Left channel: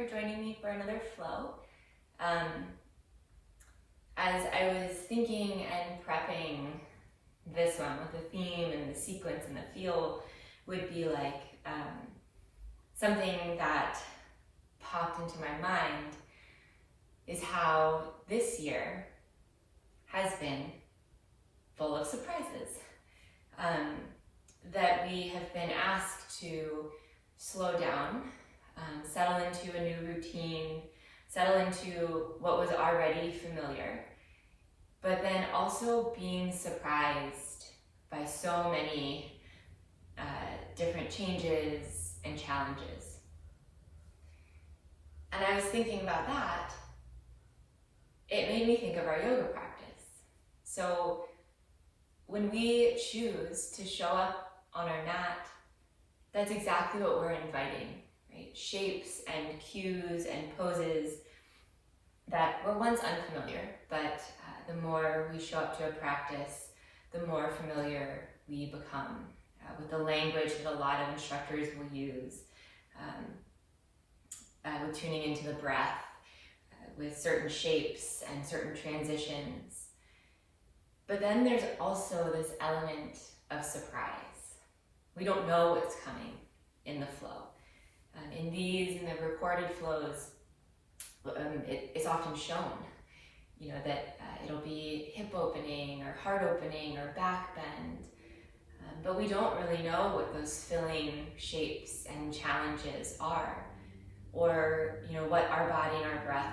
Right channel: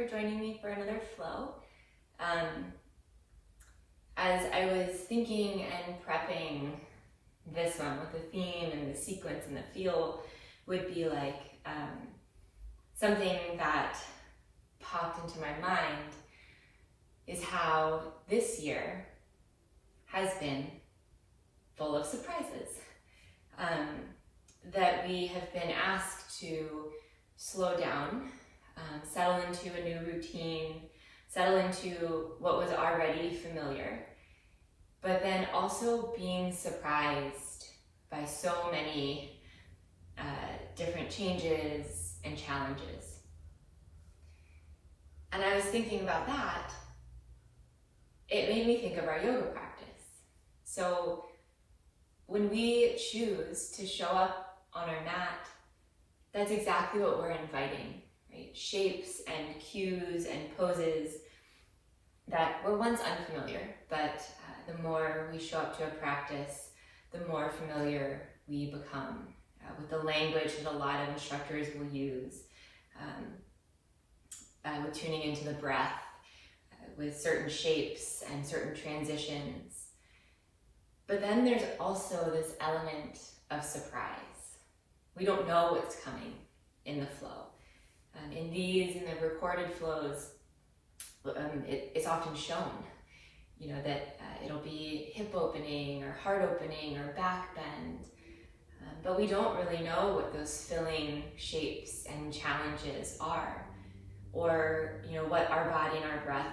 for joining me for another flow. As I was thinking and prepping this one, what the theme and the sequence and the feel would be like, something that popped into my mind is how this year has been full of surprises. That we have been asked to slow down, settle into a new routine, settle into what was already familiar, but then also being surprised by so many different changes and challenges. And I was thinking about that, it made me think of our yoga practice. So when we choose to show up on our mat, that's exactly what we're inviting, right? Shapes and cues and poses that were once unfamiliar, but the more we show up to a practice, the more familiar we become with the language that a lot of instructors will use, with tuning into the breath, with certain shapes and certain transitions. But then there's also this element of surprise. We don't know what's coming in the flow. In the recorded flows, it's often shown, that it'll be hip opening or heart opening or back bend, but we don't really know what those filling shapes and challenges are, or what our body and our breath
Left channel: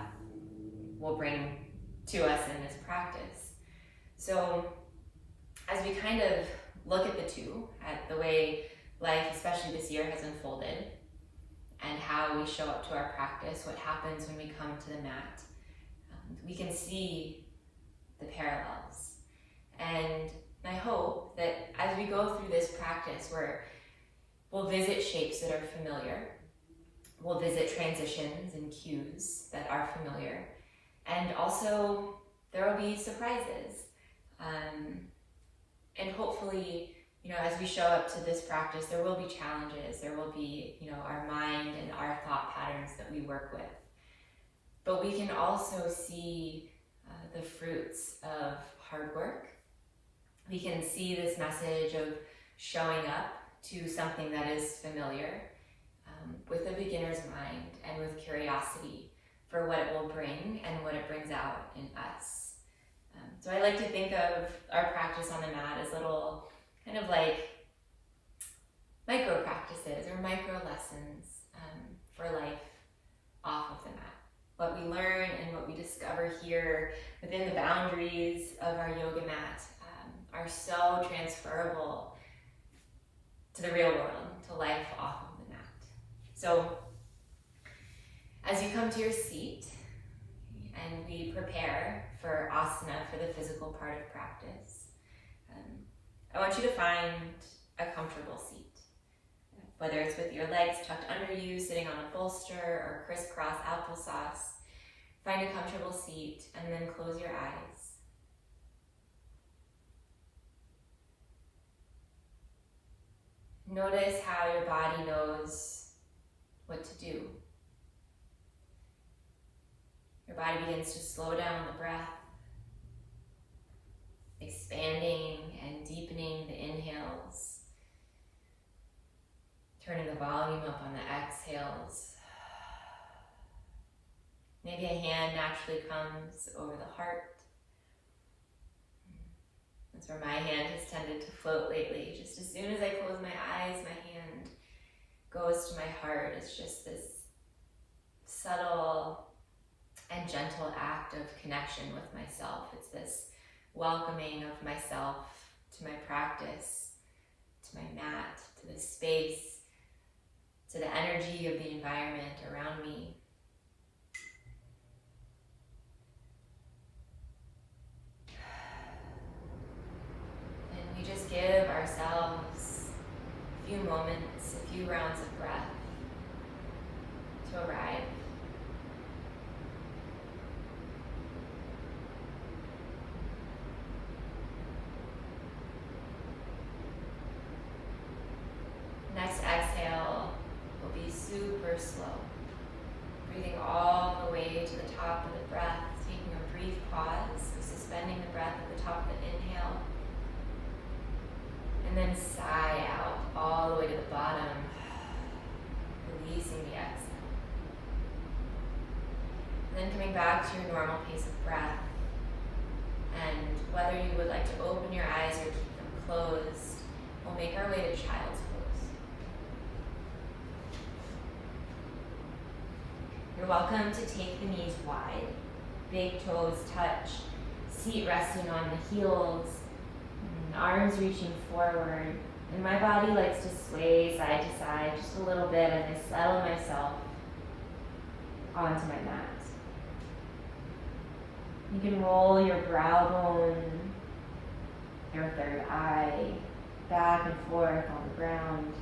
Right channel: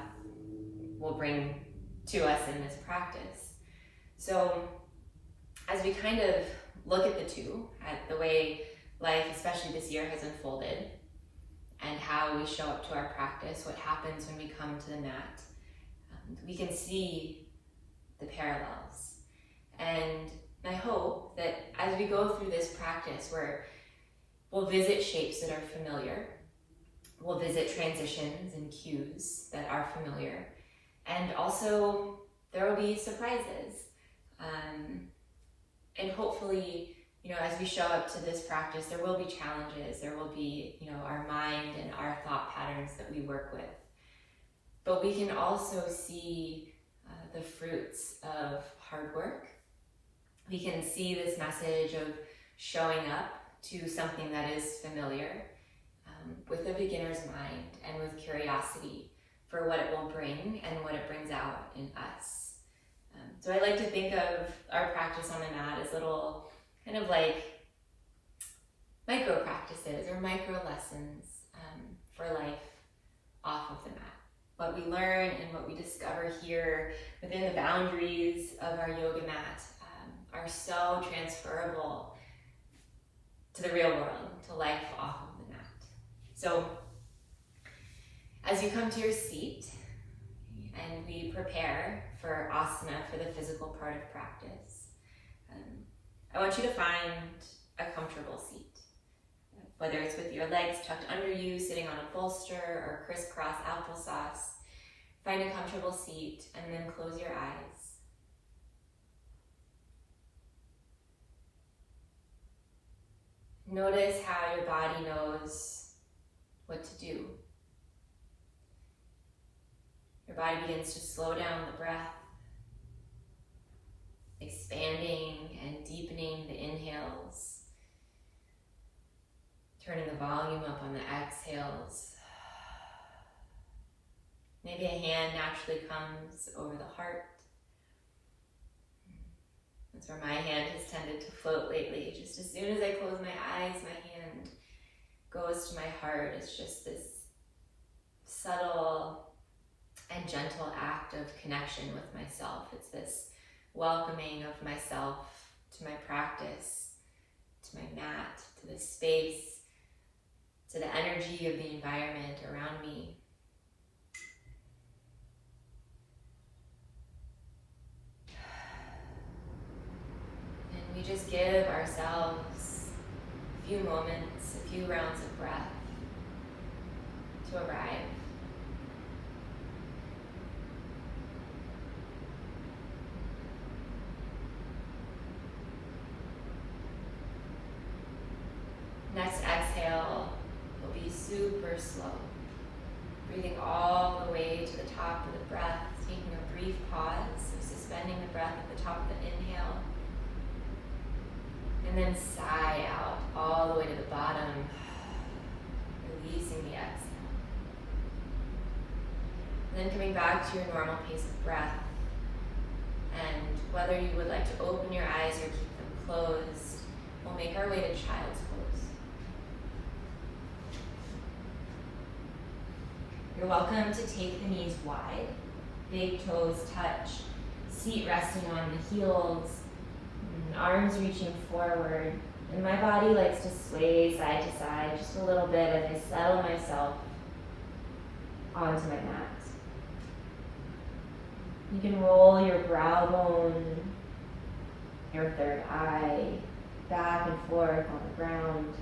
will bring to us in this practice. So as we kind of look at the two, at the way life, especially this year, has unfolded, and how we show up to our practice, what happens when we come to the mat, we can see the parallels. And I hope that as we go through this practice, where we'll visit shapes that are familiar, we'll visit transitions and cues that are familiar, and also there will be surprises. And hopefully, as we show up to this practice, there will be challenges, there will be, our mind and our thought patterns that we work with. But we can also see the fruits of hard work. We can see this message of showing up to something that is familiar with a beginner's mind and with curiosity for what it will bring and what it brings out in us. So I like to think of our practice on the mat as little kind of like micro practices or micro lessons for life off of the mat. What we learn and what we discover here within the boundaries of our yoga mat are so transferable to the real world, to life off of the mat. So as you come to your seat and we prepare for asana, for the physical part of practice, I want you to find a comfortable seat. Whether it's with your legs tucked under you, sitting on a bolster, or crisscross applesauce, find a comfortable seat and then close your eyes. Notice how your body knows what to do. Your body begins to slow down the breath, expanding and deepening the inhales, turning the volume up on the exhales. Maybe a hand naturally comes over the heart. That's where my hand has tended to float lately. Just as soon as I close my eyes, my hand goes to my heart. It's just this subtle and gentle act of connection with myself. It's this welcoming of myself to my practice, to my mat, to the space, to the energy of the environment around me. And we just give ourselves a few moments, a few rounds of breath to arrive. Next exhale will be super slow. breathing all the way to the top of the breath, taking a brief pause, so suspending the breath at the top of the inhale. And then sigh out all the way to the bottom, releasing the exhale. And then coming back to your normal pace of breath. And whether you would like to open your eyes or keep them closed, we'll make our way to child's pose. You're welcome to take the knees wide, big toes touch, seat resting on the heels, arms reaching forward, and my body likes to sway side to side just a little bit as I settle myself onto my mat. You can roll your brow bone, your third eye, back and forth on the ground,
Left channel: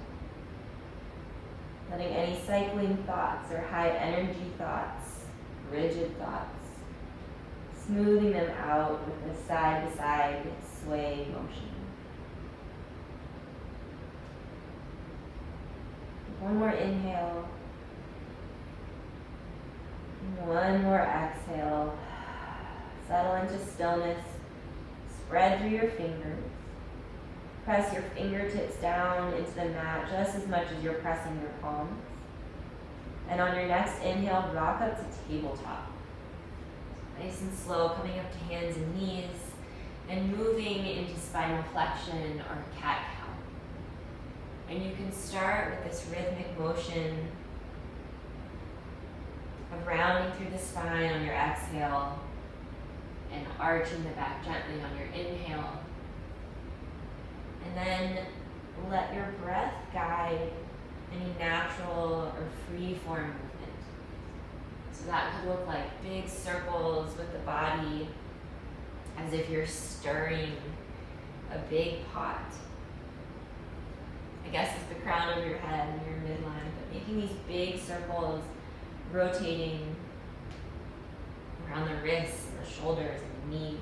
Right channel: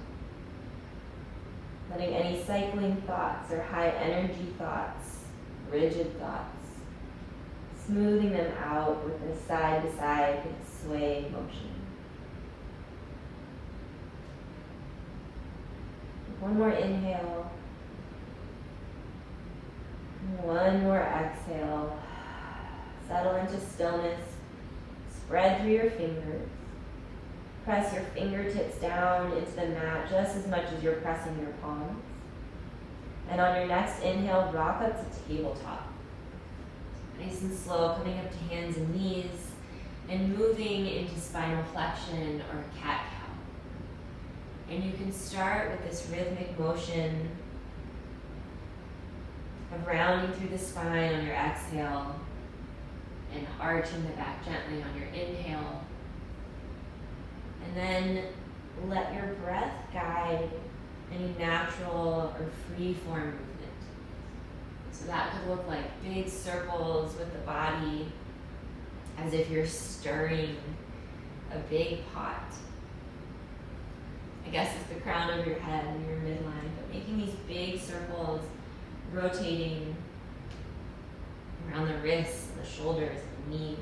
letting any cycling thoughts or high energy thoughts, rigid thoughts, smoothing them out with a side-to-side sway motion. One more inhale. One more exhale. Settle into stillness. Spread through your fingers. Press your fingertips down into the mat just as much as you're pressing your palms. And on your next inhale, rock up to tabletop. Nice and slow, coming up to hands and knees, and moving into spinal flexion or cat-cow. And you can start with this rhythmic motion of rounding through the spine on your exhale and arching the back gently on your inhale. And then let your breath guide any natural or free form movement. So that could look like big circles with the body as if you're stirring a big pot. I guess it's the crown of your head and your midline, but making these big circles rotating around the wrists and the shoulders and the knees.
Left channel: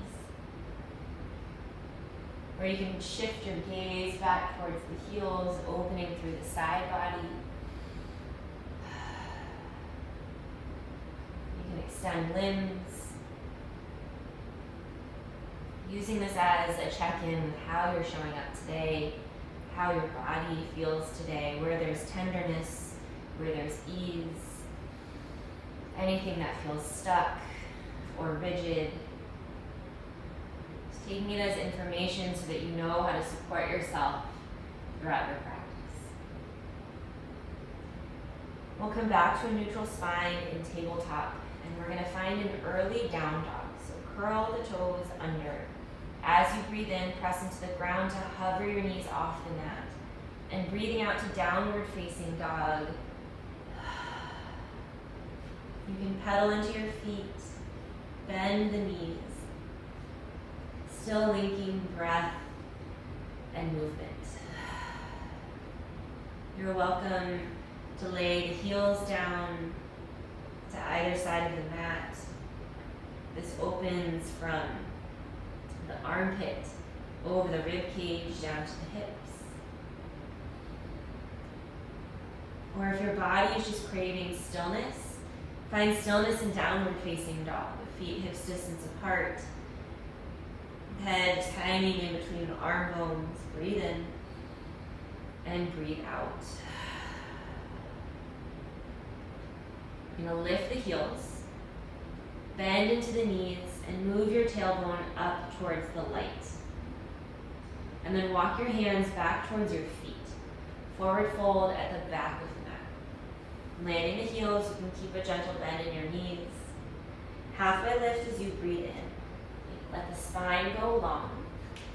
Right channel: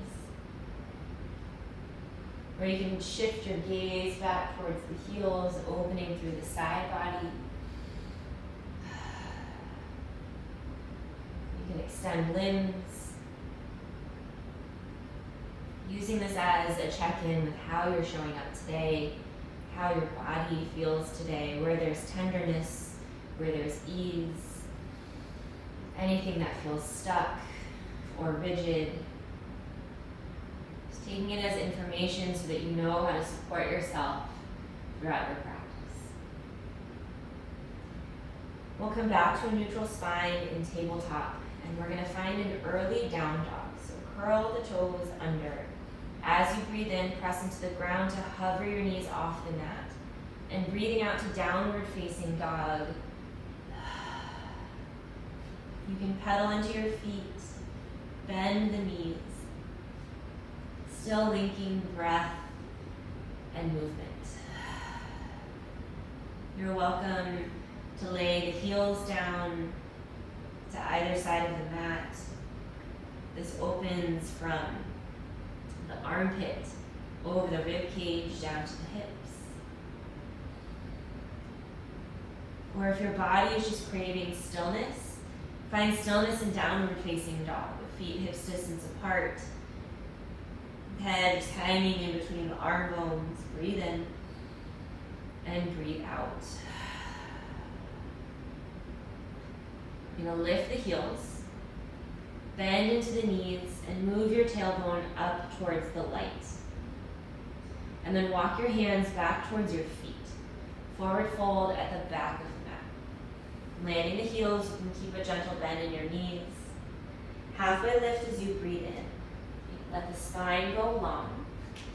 Or you can shift your gaze back towards the heels, opening through the side body. You can extend limbs. Using this as a check-in with how you're showing up today, how your body feels today, where there's tenderness, where there's ease, anything that feels stuck or rigid. Just taking it as information so that you know how to support yourself throughout your practice. We'll come back to a neutral spine in tabletop, and we're going to find an early down dog. So curl the toes under. As you breathe in, press into the ground to hover your knees off the mat. And breathing out to downward facing dog. You can pedal into your feet, bend the knees, still linking breath and movement. You're welcome to lay the heels down to either side of the mat. This opens from the armpit over the rib cage down to the hips. Or if your body is just craving stillness, find stillness in downward facing dog, with feet hips distance apart. Head is hanging in between the arm bones. Breathe in and breathe out. You're going to lift the heels, bend into the knees, and move your tailbone up towards the light. And then walk your hands back towards your feet. Forward fold at the back of the mat. Landing the heels, you can keep a gentle bend in your knees. Halfway lift as you breathe in. Let the spine go long,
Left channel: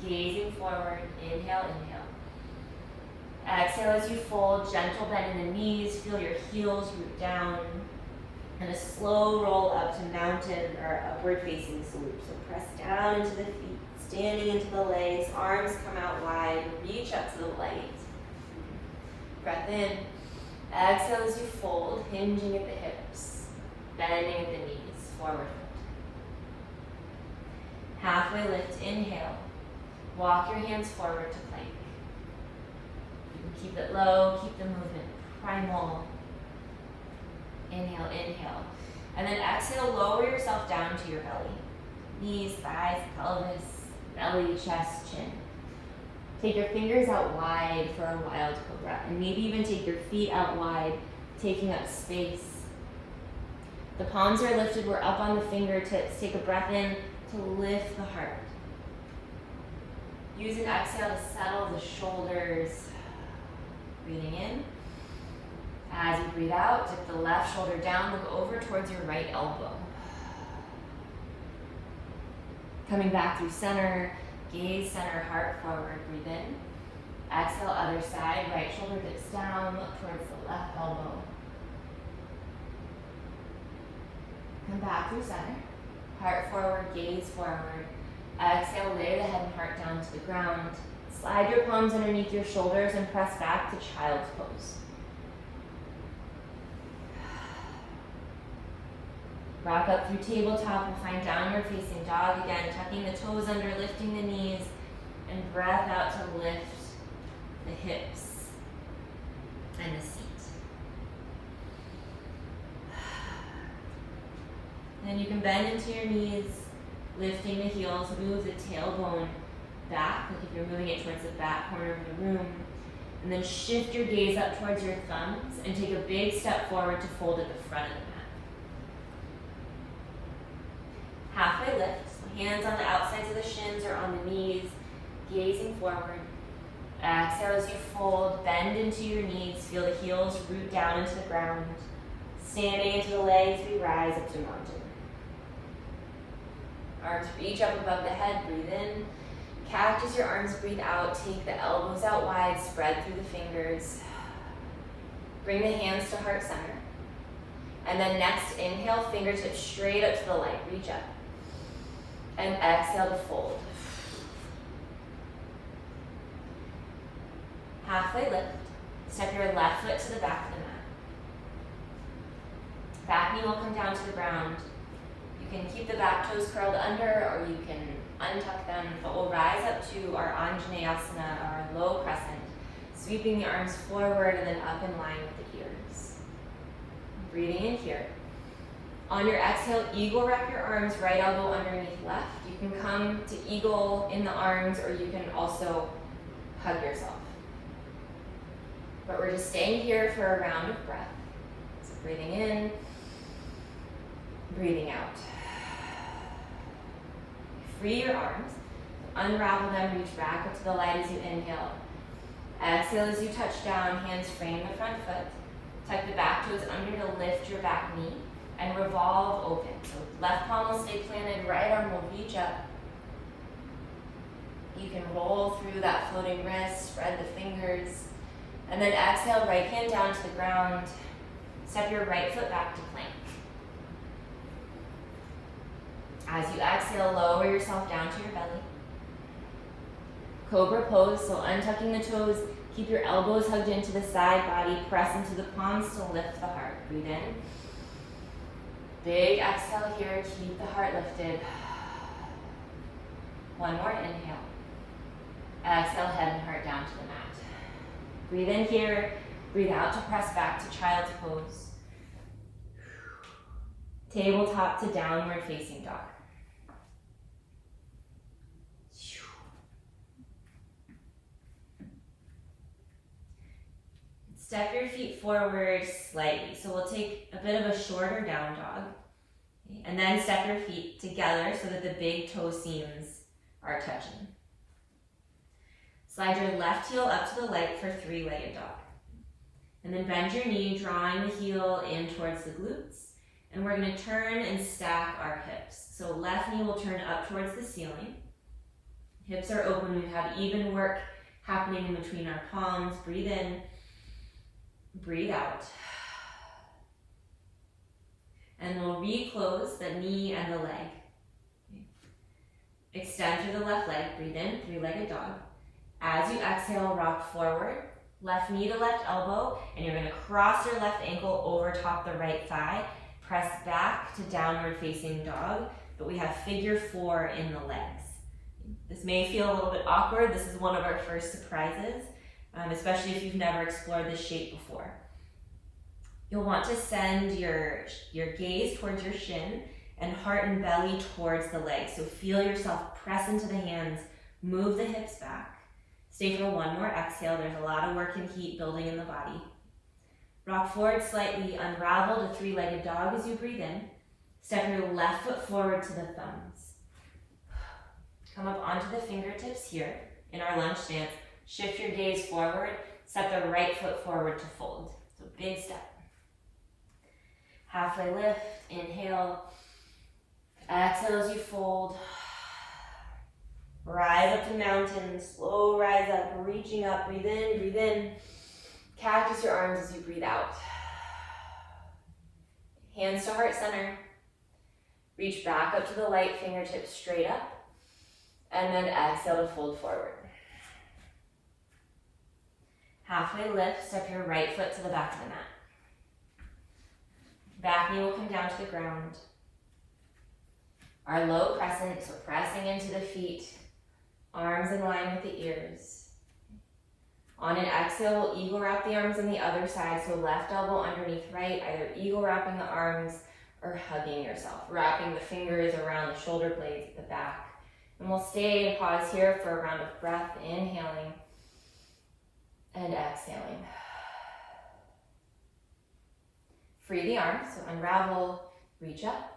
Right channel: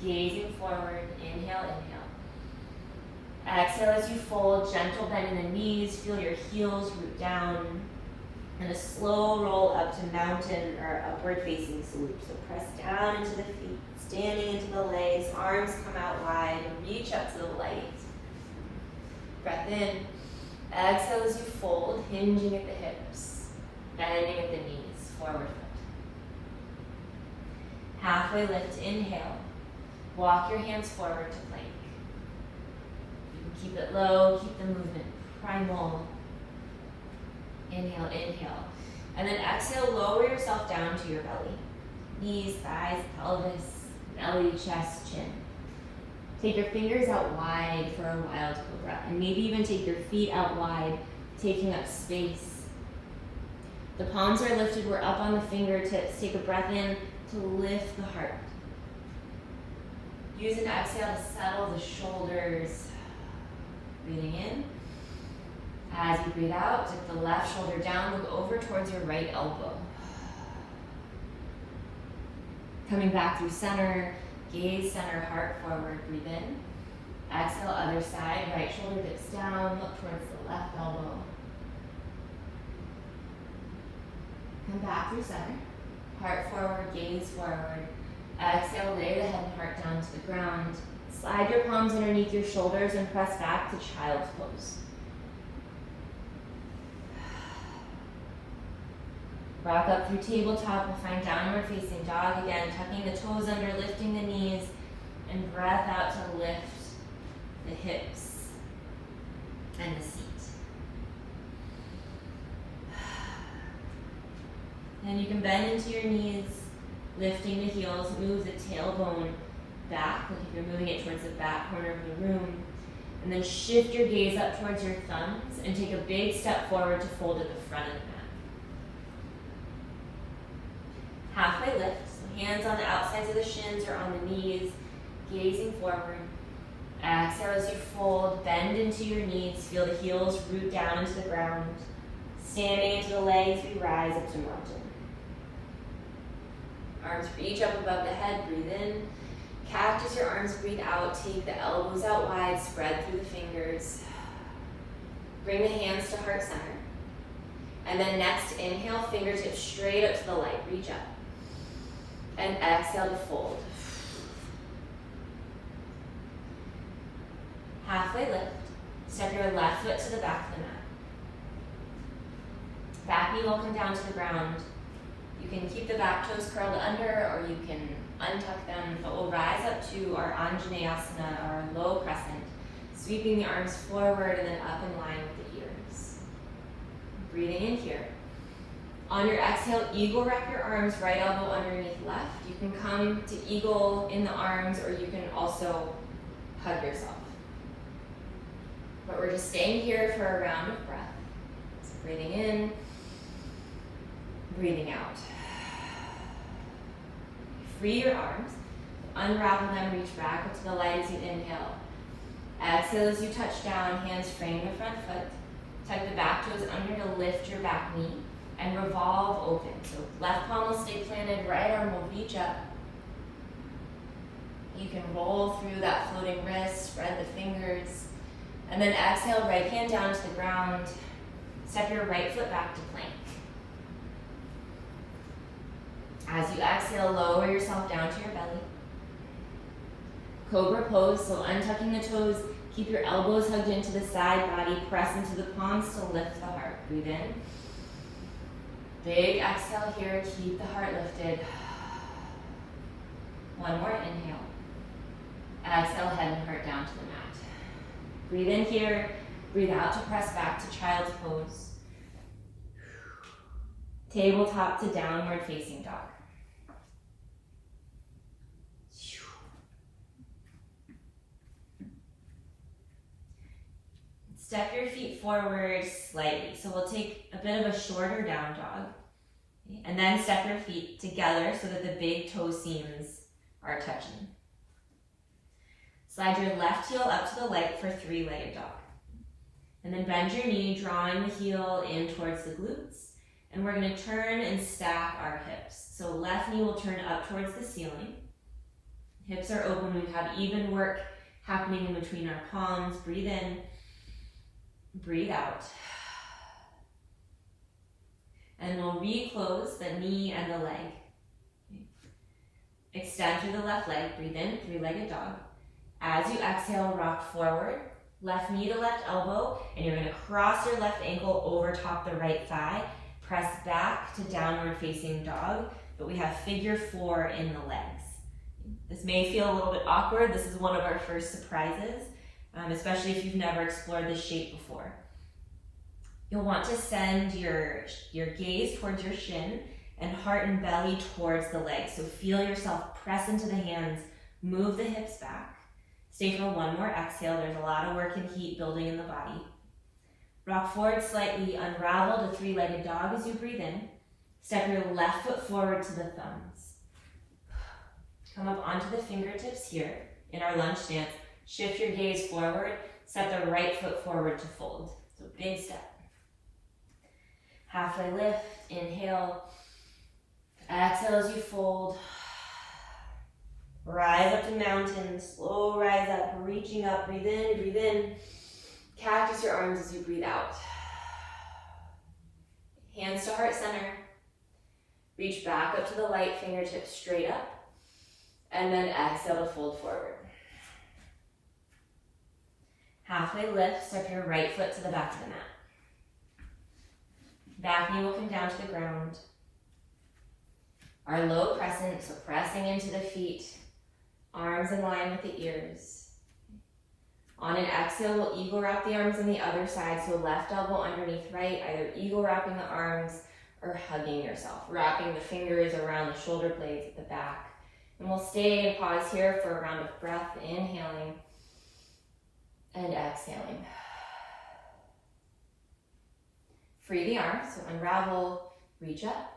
gazing forward. Inhale, inhale. Exhale as you fold, gentle bend in the knees. Feel your heels root down. And a slow roll up to mountain or upward facing swoop. So press down into the feet, standing into the legs, arms come out wide, reach up to the light. Breath in. Exhale as you fold, hinging at the hips, bending at the knees, forward fold. Halfway lift, inhale. Walk your hands forward to plank. You can keep it low, keep the movement primal. Inhale, inhale. And then exhale, lower yourself down to your belly. Knees, thighs, pelvis, belly, chest, chin. Take your fingers out wide for a wild cobra, and maybe even take your feet out wide, taking up space. The palms are lifted, we're up on the fingertips. Take a breath in to lift the heart. Use an exhale to settle the shoulders. Breathing in. As you breathe out, dip the left shoulder down, look over towards your right elbow. Coming back through center, gaze center, heart forward, breathe in. Exhale, other side, right shoulder dips down, look towards the left elbow. Come back through center, heart forward, gaze forward. Exhale, lay the head and heart down to the ground. Slide your palms underneath your shoulders and press back to child's pose. Rock up through tabletop and find downward facing dog again, tucking the toes under, lifting the knees, and breath out to lift the hips and the seat. Then you can bend into your knees, lifting the heels, move the tailbone back, like if you're moving it towards the back corner of the room. And then shift your gaze up towards your thumbs and take a big step forward to fold at the front of the mat. Halfway lift, so hands on the outsides of the shins or on the knees, gazing forward. Exhale as you fold, bend into your knees, feel the heels root down into the ground. Standing into the legs, we rise up to mountain. Arms reach up above the head, breathe in. Cactus your arms, breathe out. Take the elbows out wide, spread through the fingers. Bring the hands to heart center. And then next, inhale, fingertips straight up to the light, reach up. And exhale to fold. Halfway lift, step your left foot to the back of the mat. Back knee will come down to the ground. You can keep the back toes curled under, or you can untuck them, but we'll rise up to our Anjaneyasana, our low crescent, sweeping the arms forward and then up in line with the ears. Breathing in here. On your exhale, eagle wrap your arms, right elbow underneath left. You can come to eagle in the arms, or you can also hug yourself. But we're just staying here for a round of breath. So breathing in, breathing out. Free your arms, unravel them, reach back up to the light as you inhale. Exhale as you touch down, hands frame the front foot. Tuck the back toes under to lift your back knee and revolve open. So left palm will stay planted, right arm will reach up. You can roll through that floating wrist, spread the fingers, and then exhale, right hand down to the ground. Step your right foot back to plank. As you exhale, lower yourself down to your belly. Cobra Pose, so untucking the toes, keep your elbows hugged into the side body, press into the palms to lift the heart. Breathe in. Big exhale here, keep the heart lifted. One more inhale. Exhale, head and heart down to the mat. Breathe in here, breathe out to press back to child's pose. Tabletop to downward facing dog. Step your feet forward slightly. So we'll take a bit of a shorter down dog. And then step your feet together so that the big toe seams are touching. Slide your left heel up to the leg for three-legged dog. And then bend your knee, drawing the heel in towards the glutes. And we're going to turn and stack our hips. So left knee will turn up towards the ceiling. Hips are open. We have even work happening in between our palms. Breathe in. Breathe out. And we'll reclose the knee and the leg. Okay. Extend through the left leg. Breathe in, three-legged dog. As you exhale, rock forward. Left knee to left elbow. And you're going to cross your left ankle over top the right thigh. Press back to downward facing dog. But we have figure four in the legs. This may feel a little bit awkward. This is one of our first surprises. Especially if you've never explored this shape before. You'll want to send your gaze towards your shin and heart and belly towards the legs. So feel yourself press into the hands, move the hips back. Stay for one more exhale. There's a lot of work and heat building in the body. Rock forward slightly, unravel to three-legged dog as you breathe in. Step your left foot forward to the thumbs. Come up onto the fingertips here in our lunge stance. Shift your gaze forward. Step the right foot forward to fold. So big step. Halfway lift, inhale. Exhale as you fold. Rise up to mountain, slow rise up, reaching up, breathe in, breathe in. Cactus your arms as you breathe out. Hands to heart center. Reach back up to the light, fingertips straight up. And then exhale to fold forward. Halfway lift, step your right foot to the back of the mat. Back knee will come down to the ground. Our low crescent, so pressing into the feet, arms in line with the ears. On an exhale, we'll eagle wrap the arms on the other side, so left elbow underneath right, either eagle wrapping the arms or hugging yourself, wrapping the fingers around the shoulder blades at the back. And we'll stay and pause here for a round of breath, inhaling and exhaling. Free the arms, so unravel, reach up.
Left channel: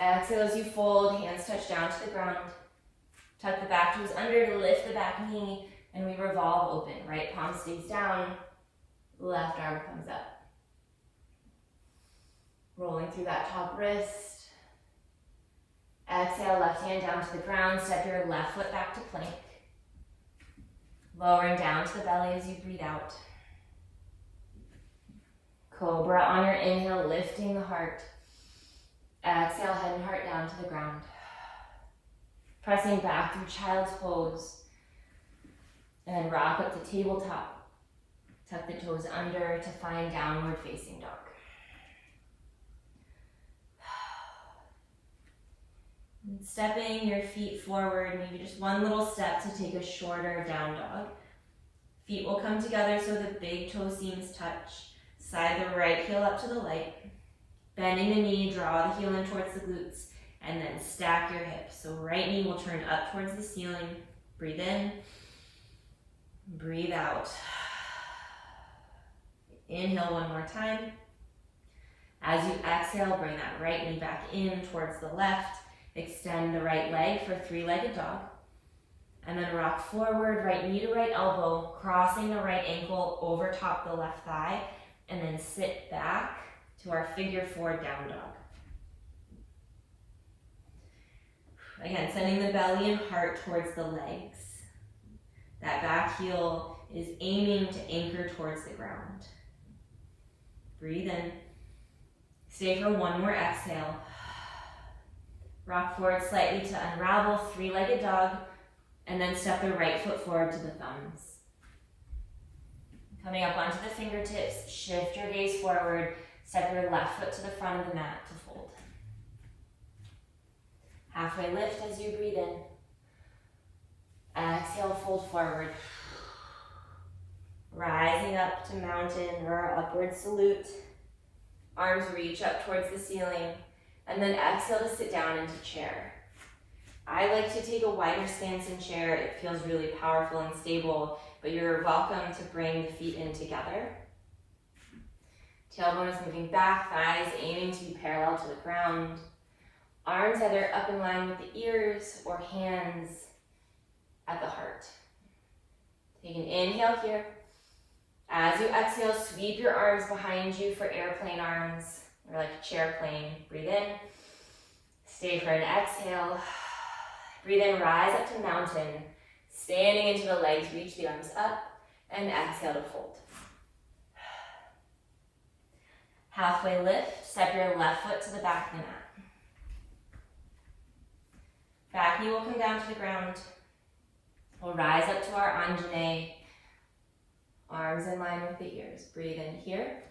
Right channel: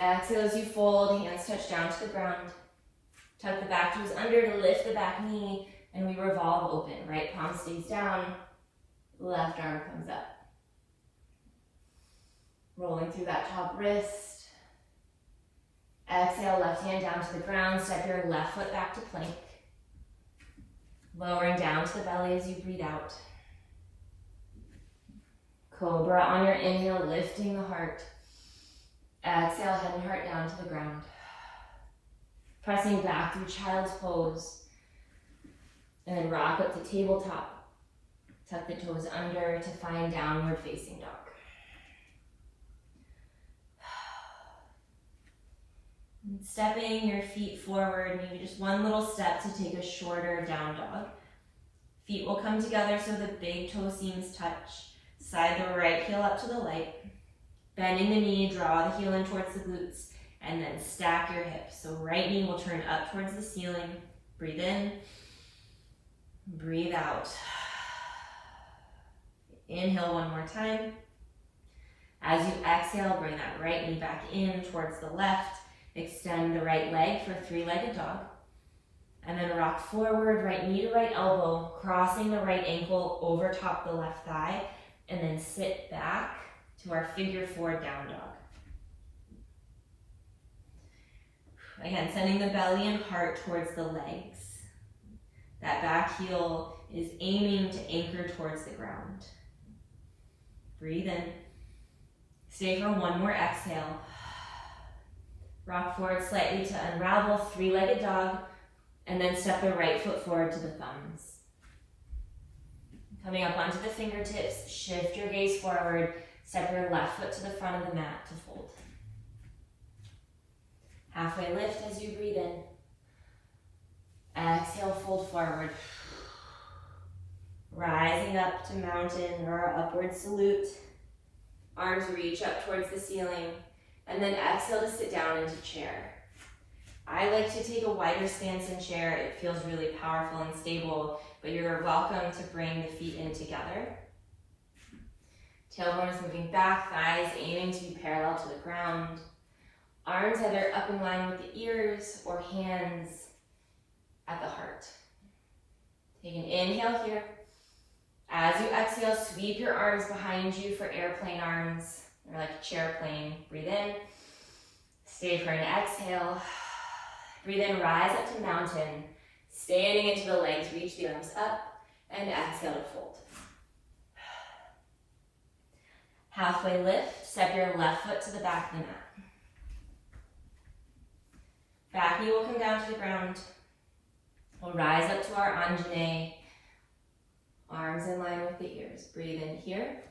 Exhale as you fold, hands touch down to the ground. Tuck the back toes under to lift the back knee, and we revolve open. Right palm stays down, left arm comes up. Rolling through that top wrist. Exhale, left hand down to the ground, step your left foot back to plank. Lowering down to the belly as you breathe out. Cobra on your inhale, lifting the heart. Exhale, head and heart down to the ground. Pressing back through child's pose. And then rock up to tabletop. Tuck the toes under to find downward facing dog. And stepping your feet forward, maybe just one little step to take a shorter down dog. Feet will come together so the big toe seams touch. Slide the right heel up to the light. Bending the knee, draw the heel in towards the glutes, and then stack your hips. So right knee will turn up towards the ceiling. Breathe in, breathe out. Inhale one more time. As you exhale, bring that right knee back in towards the left. Extend the right leg for three-legged dog. And then rock forward, right knee to right elbow, crossing the right ankle over top the left thigh, and then sit back to our figure four down dog. Again, sending the belly and heart towards the legs. That back heel is aiming to anchor towards the ground. Breathe in. Stay for one more exhale. Rock forward slightly to unravel, three-legged dog, and then step the right foot forward to the thumbs. Coming up onto the fingertips, shift your gaze forward, step your left foot to the front of the mat to fold. Halfway lift as you breathe in. Exhale, fold forward. Rising up to mountain or our upward salute. Arms reach up towards the ceiling. And then exhale to sit down into chair. I like to take a wider stance in chair. It feels really powerful and stable, but you're welcome to bring the feet in together. Tailbone is moving back, thighs aiming to be parallel to the ground. Arms either up in line with the ears or hands at the heart. Take an inhale here. As you exhale, sweep your arms behind you for airplane arms, or like a chair plane. Breathe in. Stay for an exhale. Breathe in, rise up to mountain. Standing into the legs, reach the arms up, and exhale to fold. Halfway lift, step your left foot to the back of the mat. Back knee will come down to the ground. We'll rise up to our Anjane. Arms in line with the ears. Breathe in here.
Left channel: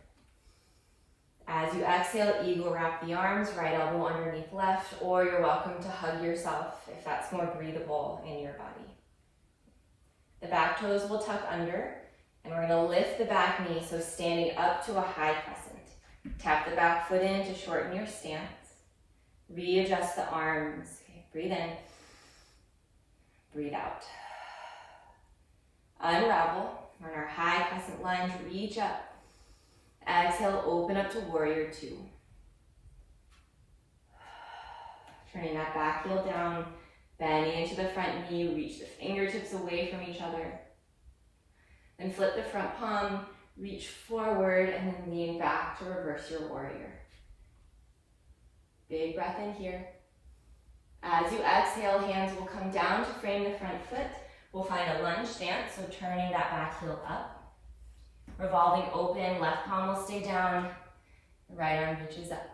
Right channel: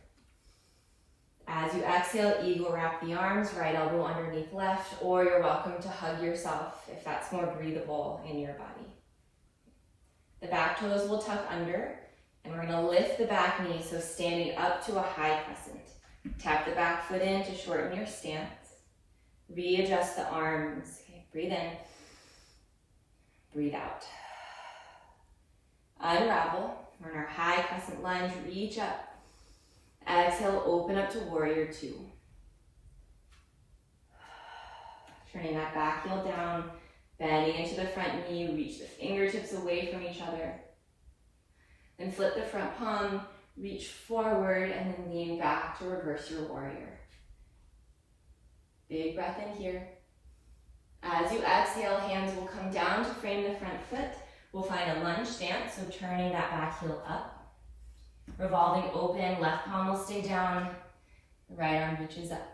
As you exhale, eagle wrap the arms, right elbow underneath left, or you're welcome to hug yourself if that's more breathable in your body. The back toes will tuck under. And we're gonna lift the back knee, so standing up to a high crescent. Tap the back foot in to shorten your stance. Readjust the arms. Okay, breathe in, breathe out. Unravel. We're in our high crescent lunge, reach up. Exhale, open up to warrior two. Turning that back heel down, bending into the front knee, reach the fingertips away from each other. Then flip the front palm, reach forward, and then lean back to reverse your warrior. Big breath in here. As you exhale, hands will come down to frame the front foot. We'll find a lunge stance, so turning that back heel up. Revolving open, left palm will stay down, the right arm reaches up.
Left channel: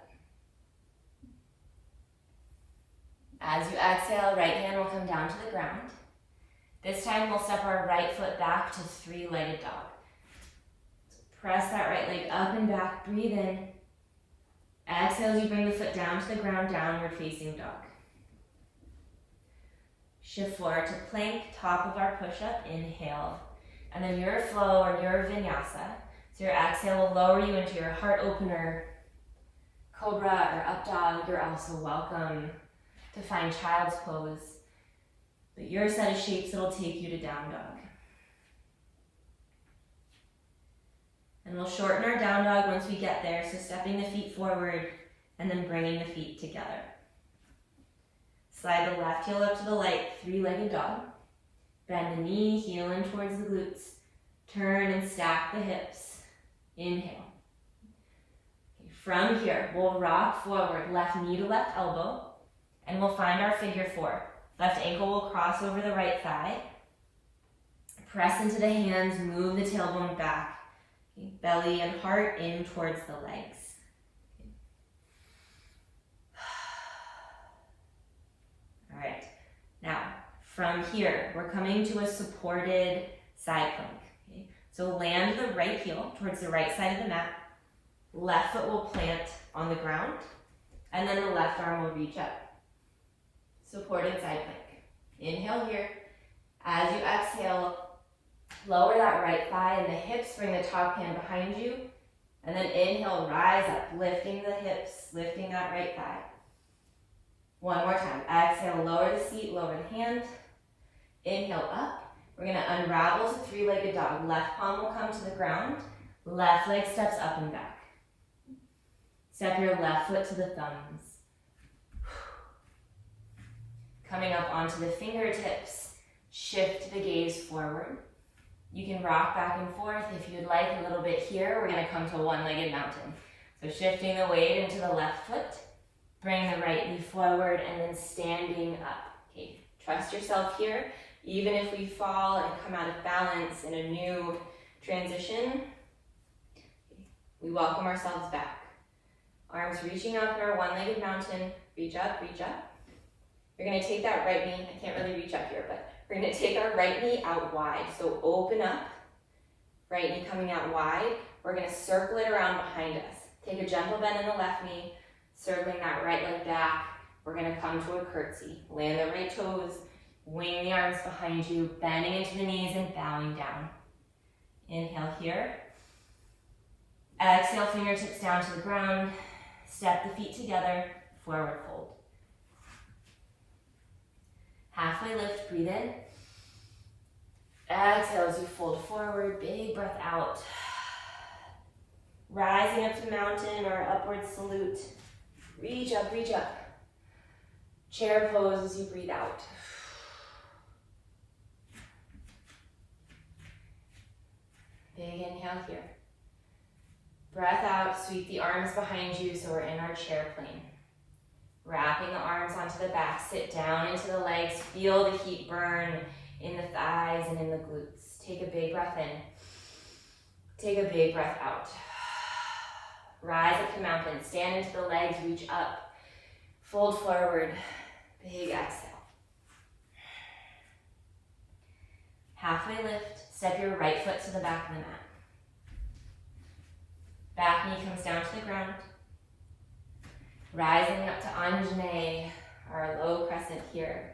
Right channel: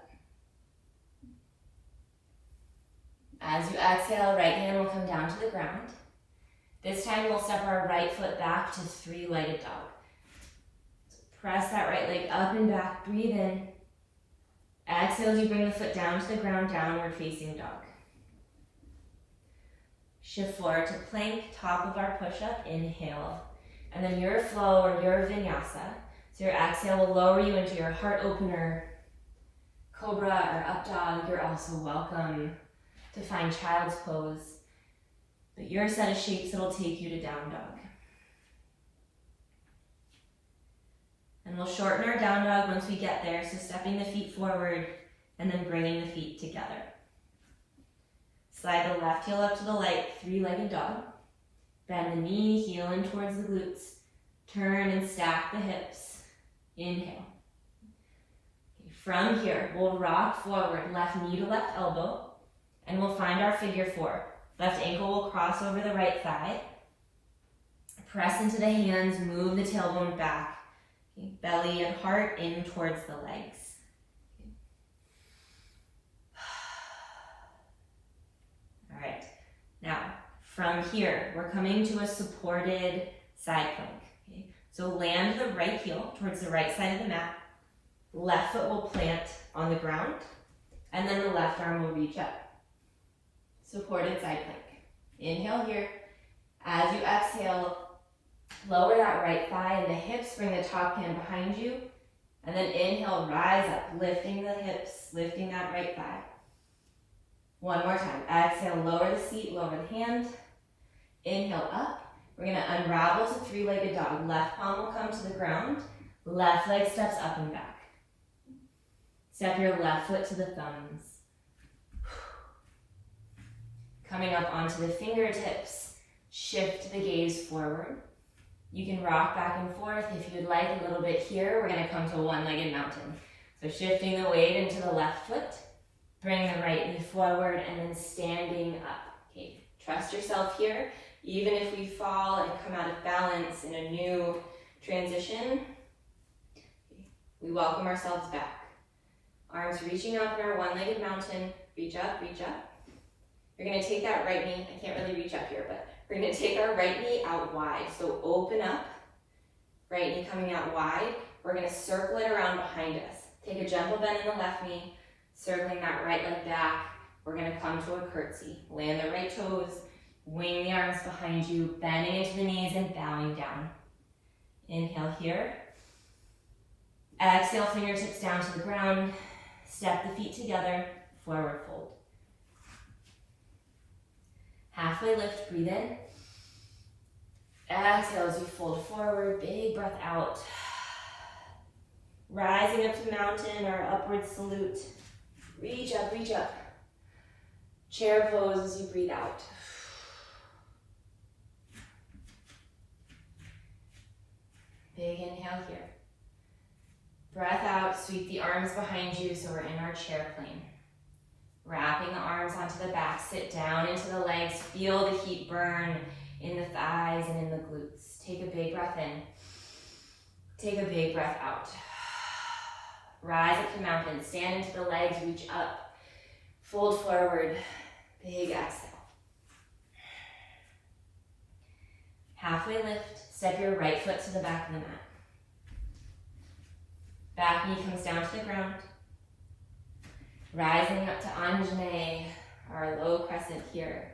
As you exhale, right hand will come down to the ground. This time we'll step our right foot back to three-legged dog. So press that right leg up and back, breathe in. Exhale as you bring the foot down to the ground, downward facing dog. Shift forward to plank, top of our push-up, inhale. And then your flow or your vinyasa. So your exhale will lower you into your heart opener, cobra or up dog. You're also welcome to find child's pose. But your set of shapes that'll take you to down dog. And we'll shorten our down dog once we get there. So stepping the feet forward and then bringing the feet together. Slide the left heel up to the light, three-legged dog. Bend the knee, heel in towards the glutes. Turn and stack the hips. Inhale. From here, we'll rock forward, left knee to left elbow, and we'll find our figure four. Left ankle will cross over the right thigh. Press into the hands, move the tailbone back. Okay, belly and heart in towards the legs. All right, now from here, we're coming to a supported side plank. Okay? So land the right heel towards the right side of the mat. Left foot will plant on the ground, and then the left arm will reach up. Supported side plank. Inhale here. As you exhale, lower that right thigh and the hips, bring the top hand behind you. And then inhale, rise up, lifting the hips, lifting that right thigh. One more time. Exhale, lower the seat, lower the hand. Inhale up. We're gonna unravel to three-legged dog. Left palm will come to the ground. Left leg steps up and back. Step your left foot to the thumbs. Coming up onto the fingertips, shift the gaze forward. You can rock back and forth if you'd like a little bit here. We're gonna come to one-legged mountain. So shifting the weight into the left foot, bring the right knee forward and then standing up. Okay, trust yourself here. Even if we fall and come out of balance in a new transition, we welcome ourselves back. Arms reaching up in our one-legged mountain, reach up, reach up. You're gonna take that right knee, I can't really reach up here, but we're gonna take our right knee out wide. So open up, right knee coming out wide. We're gonna circle it around behind us. Take a gentle bend in the left knee, circling that right leg back. We're gonna come to a curtsy. Land the right toes, wing the arms behind you, bending into the knees and bowing down. Inhale here. Exhale, fingertips down to the ground. Step the feet together, forward fold. Halfway lift, breathe in. Exhale as you fold forward, big breath out. Rising up to mountain or upward salute. Reach up, reach up. Chair pose as you breathe out. Big inhale here. Breath out, sweep the arms behind you so we're in our chair plane. Wrapping the arms onto the back, sit down into the legs, feel the heat burn in the thighs and in the glutes. Take a big breath in. Take a big breath out. Rise up to mountain, stand into the legs, reach up, fold forward, big exhale. Halfway lift, step your right foot to the back of the mat. Back knee comes down to the ground. Rising up to Anjane, our low crescent here.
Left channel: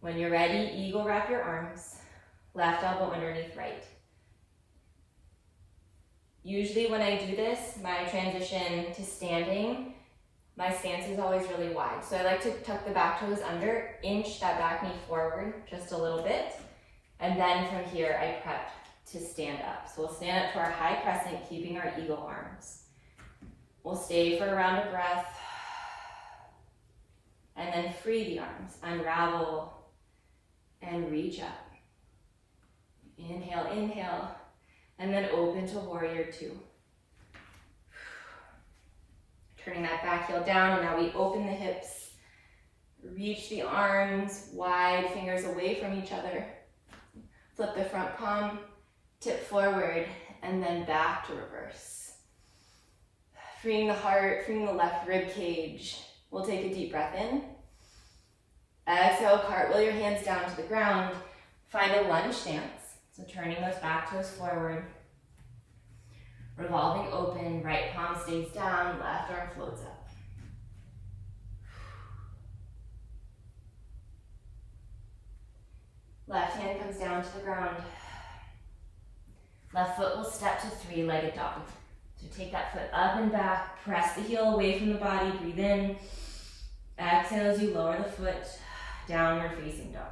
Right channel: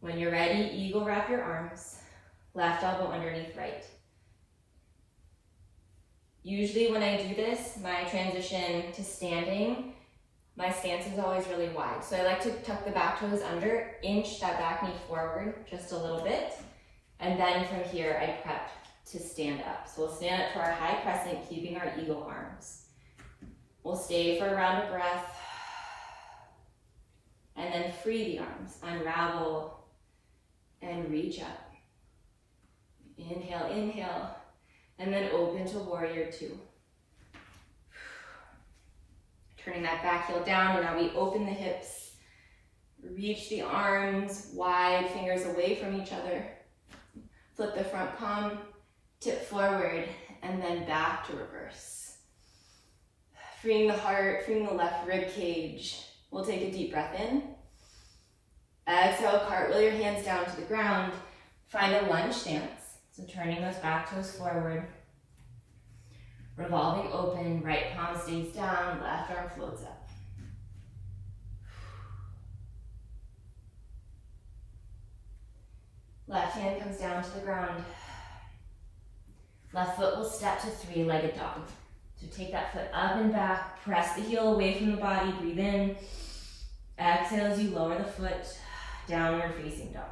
When you're ready, eagle wrap your arms, left elbow underneath right. Usually when I do this, my transition to standing, my stance is always really wide. So I like to tuck the back toes under, inch that back knee forward just a little bit. And then from here, I prep to stand up. So we'll stand up to our high crescent, keeping our eagle arms. We'll stay for a round of breath. And then free the arms, unravel, and reach up. Inhale, inhale, and then open to warrior two. Turning that back heel down, and now we open the hips, reach the arms wide, fingers away from each other. Flip the front palm, tip forward, and then back to reverse. Freeing the heart, freeing the left rib cage. We'll take a deep breath in. Exhale, cartwheel your hands down to the ground. Find a lunge stance. So turning those back toes forward. Revolving open, right palm stays down, left arm floats up. Left hand comes down to the ground. Left foot will step to three-legged dog. So take that foot up and back, press the heel away from the body, breathe in. Exhale as you lower the foot, downward facing dog.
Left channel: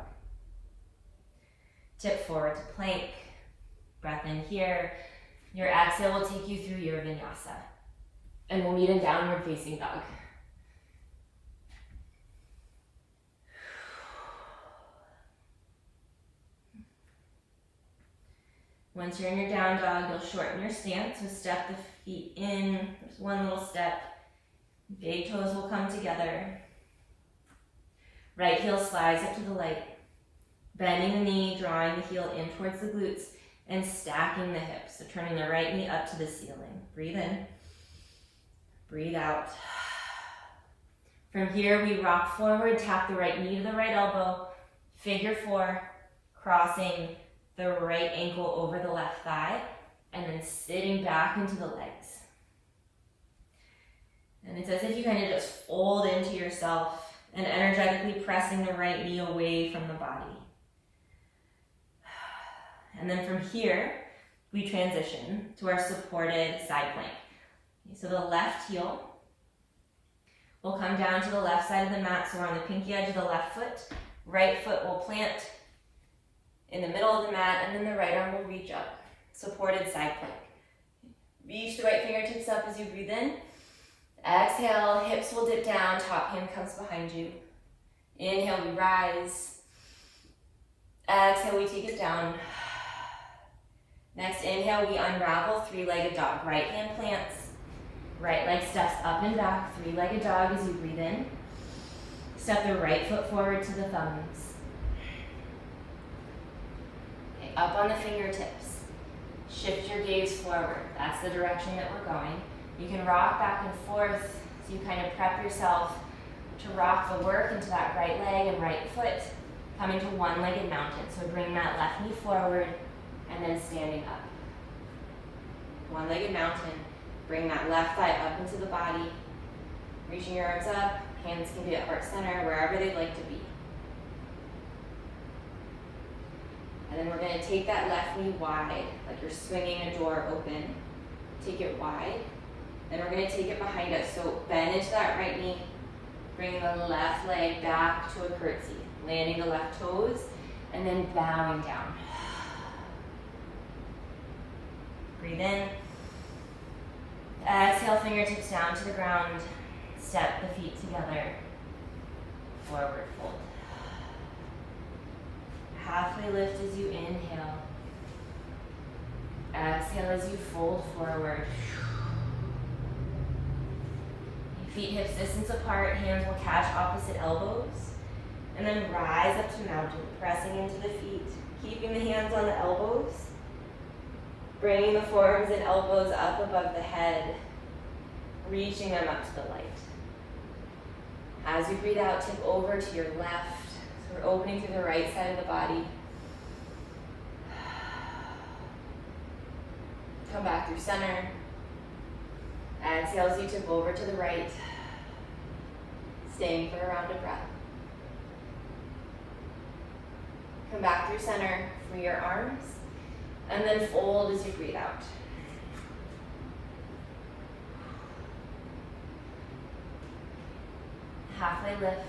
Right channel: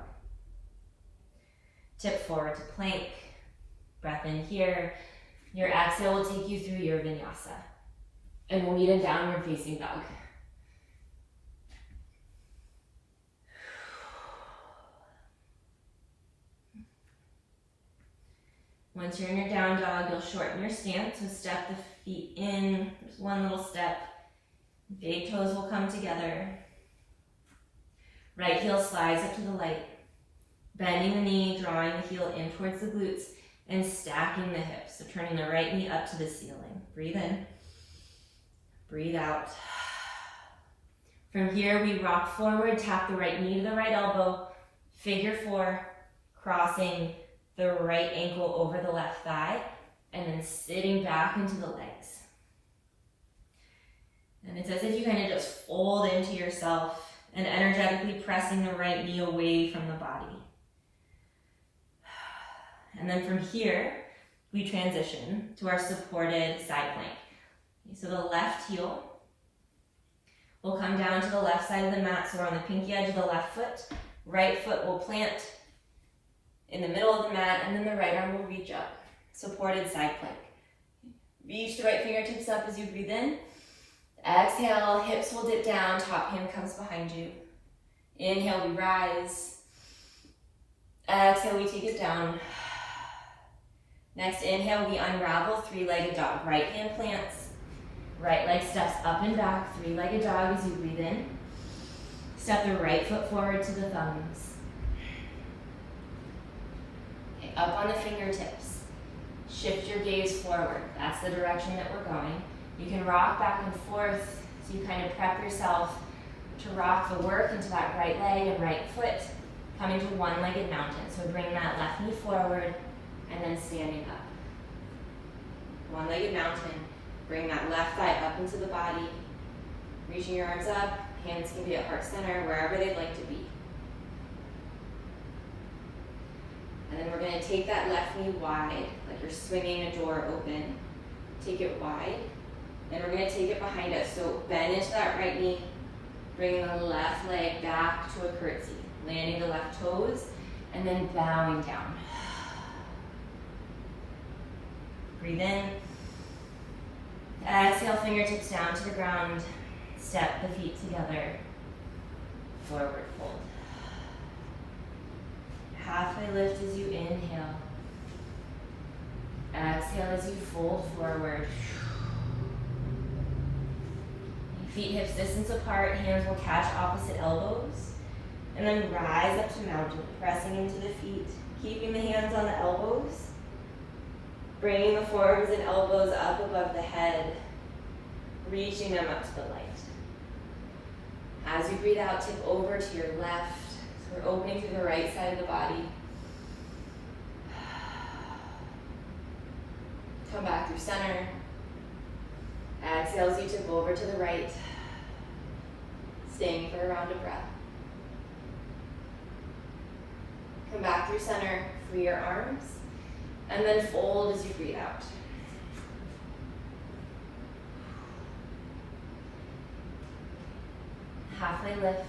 Tip forward to plank, breath in here. Your exhale will take you through your vinyasa. And we'll meet in downward facing dog. Once you're in your down dog, you'll shorten your stance. So step the feet in. There's one little step. Big toes will come together. Right heel slides up to the light. Bending the knee, drawing the heel in towards the glutes, and stacking the hips. So turning the right knee up to the ceiling. Breathe in. Breathe out. From here, we rock forward, tap the right knee to the right elbow, figure four, crossing the right ankle over the left thigh, and then sitting back into the legs. And it's as if you kind of just fold into yourself and energetically pressing the right knee away from the body. And then from here, we transition to our supported side plank. So the left heel will come down to the left side of the mat, so we're on the pinky edge of the left foot. Right foot will plant in the middle of the mat, and then the right arm will reach up. Supported side plank. Reach the right fingertips up as you breathe in. Exhale, hips will dip down, top hand comes behind you. Inhale, we rise. Exhale, we take it down. Next inhale, we unravel, three-legged dog. Right hand plants, right leg steps up and back, three-legged dog as you breathe in. Step the right foot forward to the thumbs. Okay, up on the fingertips. Shift your gaze forward. That's the direction that we're going. You can rock back and forth so you kind of prep yourself to rock the work into that right leg and right foot, coming to one-legged mountain. So bring that left knee forward and then standing up. One-legged mountain. Bring that left thigh up into the body. Reaching your arms up. Hands can be at heart center, wherever they'd like to be. And then we're going to take that left knee wide, like you're swinging a door open. Take it wide. Then we're going to take it behind us. So bend into that right knee. Bring the left leg back to a curtsy. Landing the left toes, and then bowing down. Breathe in. Exhale, fingertips down to the ground. Step the feet together. Forward fold. Halfway lift as you inhale. Exhale as you fold forward. Feet hips distance apart, hands will catch opposite elbows. And then rise up to mountain, pressing into the feet, keeping the hands on the elbows. Bringing the forearms and elbows up above the head, reaching them up to the light. As you breathe out, tip over to your left. So we're opening through the right side of the body. Come back through center. Exhale as you tip over to the right. Staying for a round of breath. Come back through center, free your arms, and then fold as you breathe out. halfway lift.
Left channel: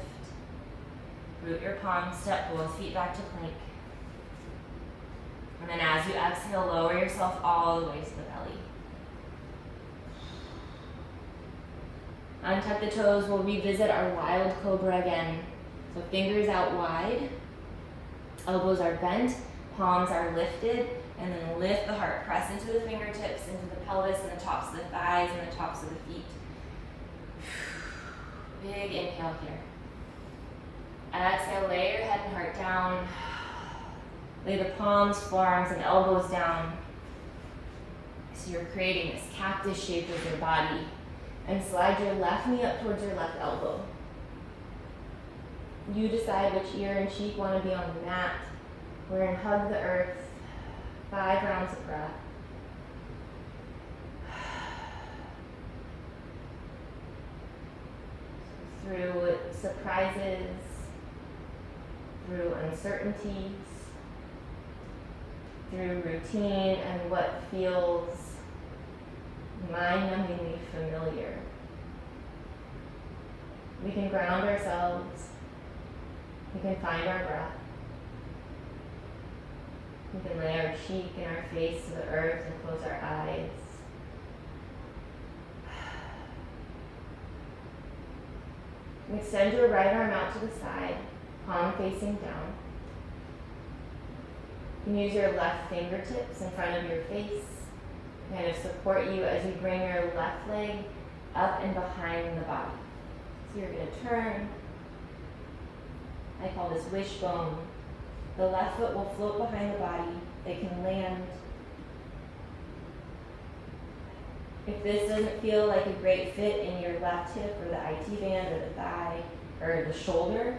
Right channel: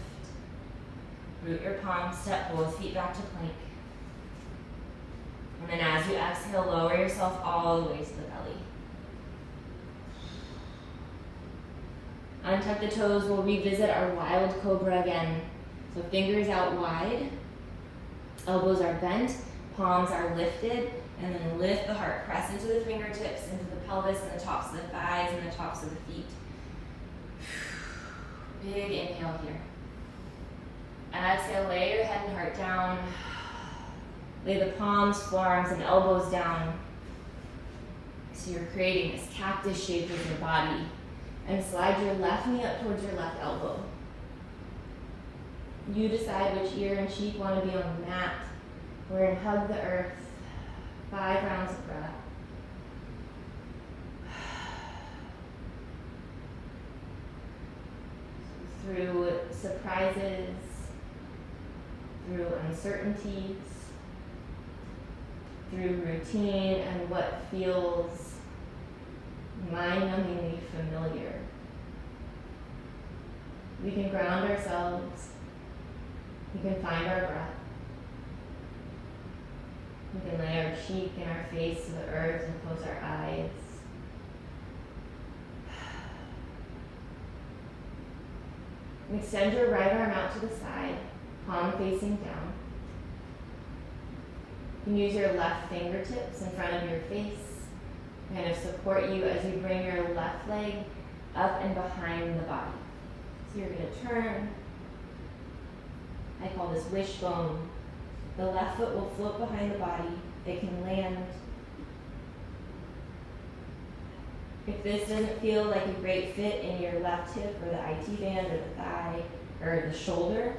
Root your palms, step both feet back to plank. And then as you exhale, lower yourself all the way to the belly. Untuck the toes, we'll revisit our wild cobra again. So fingers out wide, elbows are bent, palms are lifted, and then lift the heart. Press into the fingertips, into the pelvis, and the tops of the thighs, and the tops of the feet. Big inhale here. Exhale, lay your head and heart down. Lay the palms, forearms, and elbows down. So you're creating this cactus shape with your body. And slide your left knee up towards your left elbow. You decide which ear and cheek want to be on the mat. We're in hug the earth. 5 rounds of breath. Through surprises, through uncertainties, through routine and what feels mind-numbingly familiar. We can ground ourselves. We can find our breath. We can lay our cheek and our face to the earth and close our eyes. And extend your right arm out to the side, palm facing down. You can use your left fingertips in front of your face, kind of support you as you bring your left leg up and behind the body. So you're going to turn. I call this wishbone. The left foot will float behind the body. It can land. If this doesn't feel like a great fit in your left hip or the IT band or the thigh or the shoulder,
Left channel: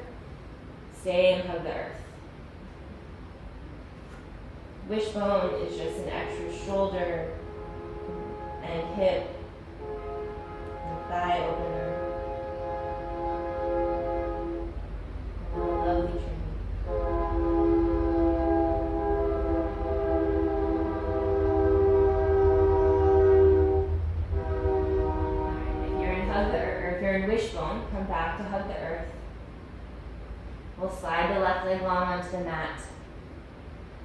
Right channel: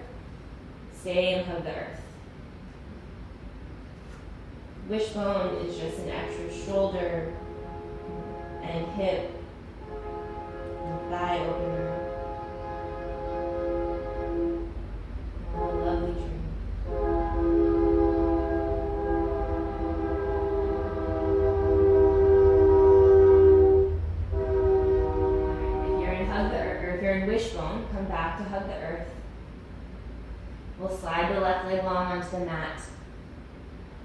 stay and hug the earth. Wishbone is just an extra shoulder and hip and thigh opener. A lovely tree. Wishbone, come back to hug the earth. We'll slide the left leg long onto the mat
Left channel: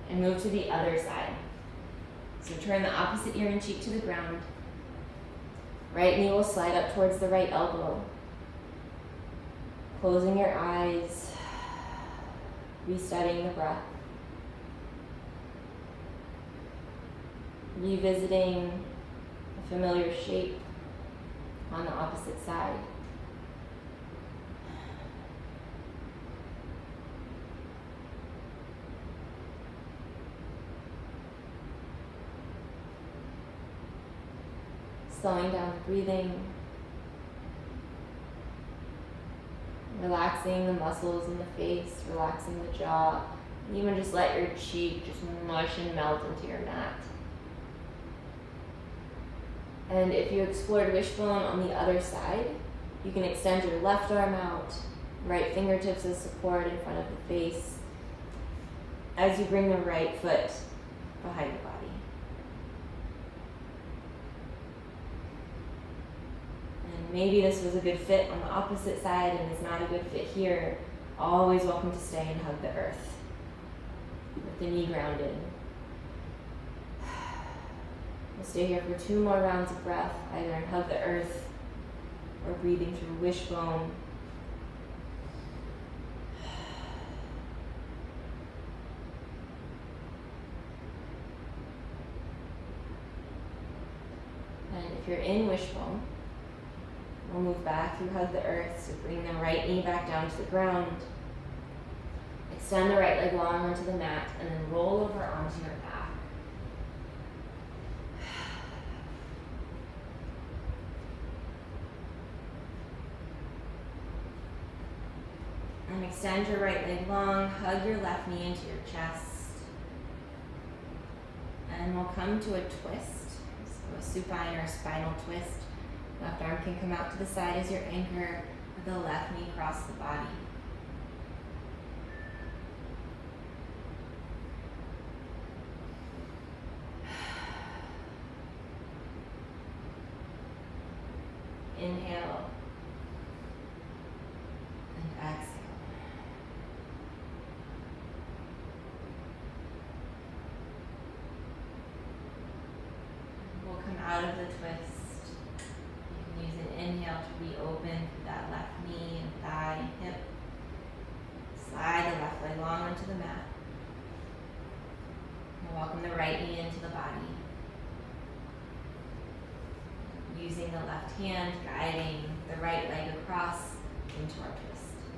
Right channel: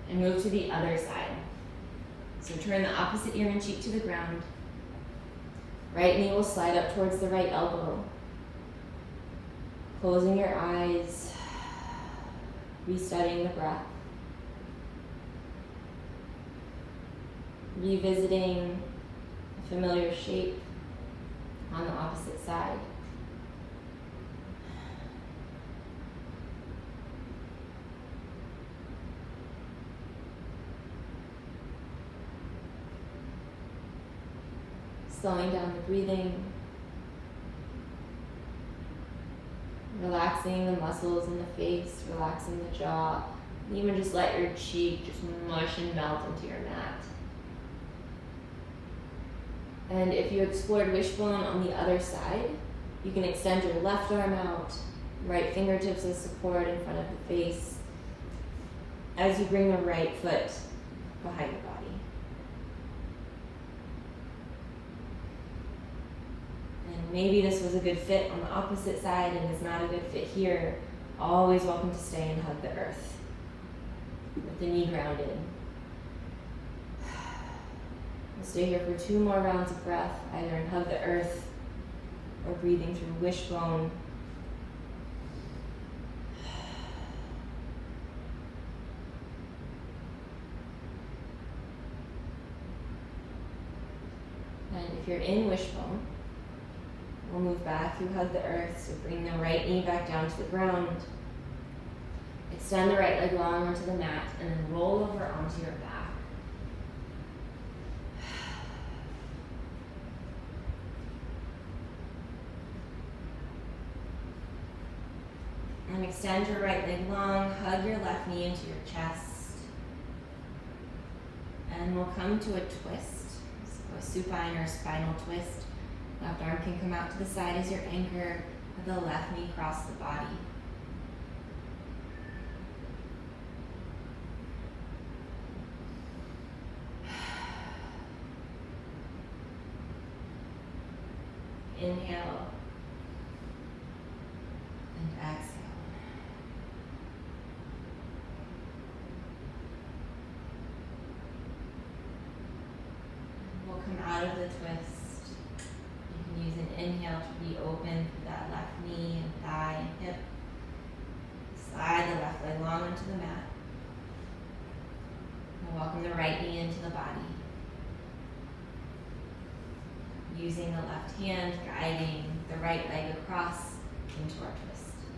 and move to the other side. So turn the opposite ear and cheek to the ground. Right knee will slide up towards the right elbow. Closing your eyes, resetting the breath. Revisiting a familiar shape on the opposite side. Slowing down the breathing, relaxing the muscles in the face, relaxing the jaw, and even just let your cheek just mush and melt into your mat. And if you explored wishbone on the other side, you can extend your left arm out, right fingertips as support in front of the face, as you bring the right foot behind the body. And maybe this was a good fit on the opposite side and is not a good fit here. Always welcome to stay and hug the earth with the knee grounded. We'll stay here for 2 more rounds of breath, either in hug the earth or breathing through wishbone. And if you're in wishbone, we'll move back through hug the earth, so bring the right knee back down to the ground. Extend the right leg long onto the mat, and then roll over onto your back. And extend your right leg long, hug your left knee into your chest. And we'll come to a twist, so a supine or spinal twist. Left arm can come out to the side as your anchor, with the left knee across the body. Inhale. of the twist. You can use an inhale to reopen through that left knee and thigh and hip. Slide the left leg long onto the mat. And welcome the right knee into the body. Using the left hand, guiding the right leg across into our twist.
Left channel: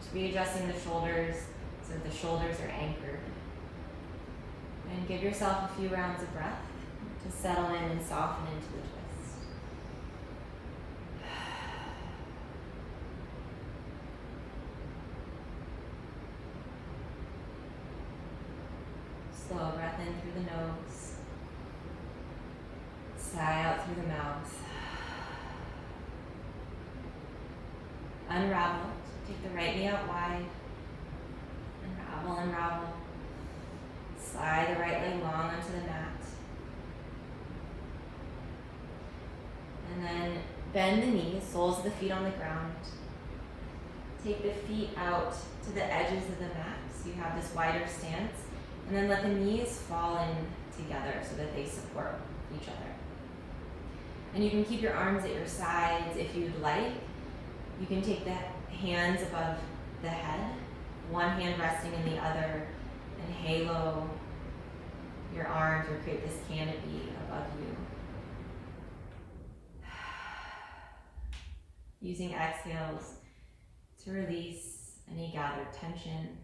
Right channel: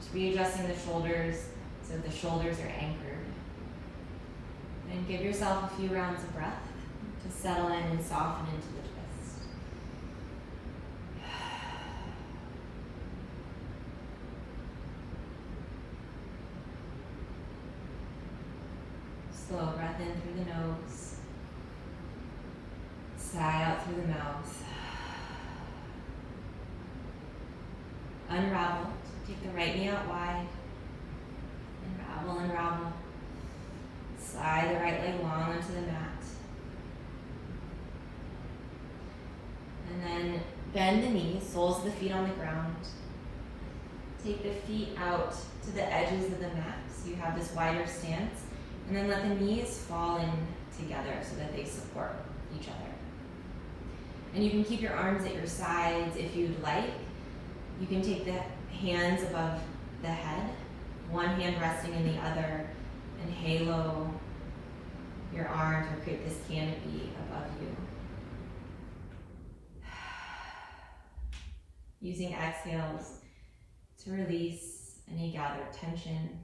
Just readjusting the shoulders so that the shoulders are anchored. And give yourself a few rounds of breath to settle in and soften into the twist. Slow breath in through the nose. Sigh out through the mouth. Unravel. Take the right knee out wide. Unravel, unravel. Slide the right leg long onto the mat. And then bend the knees, soles of the feet on the ground. Take the feet out to the edges of the mat so you have this wider stance. And then let the knees fall in together so that they support each other. And you can keep your arms at your sides if you'd like. You can take the hands above the head, one hand resting in the other, and halo your arms or create this canopy above you. Using exhales to release any gathered tension,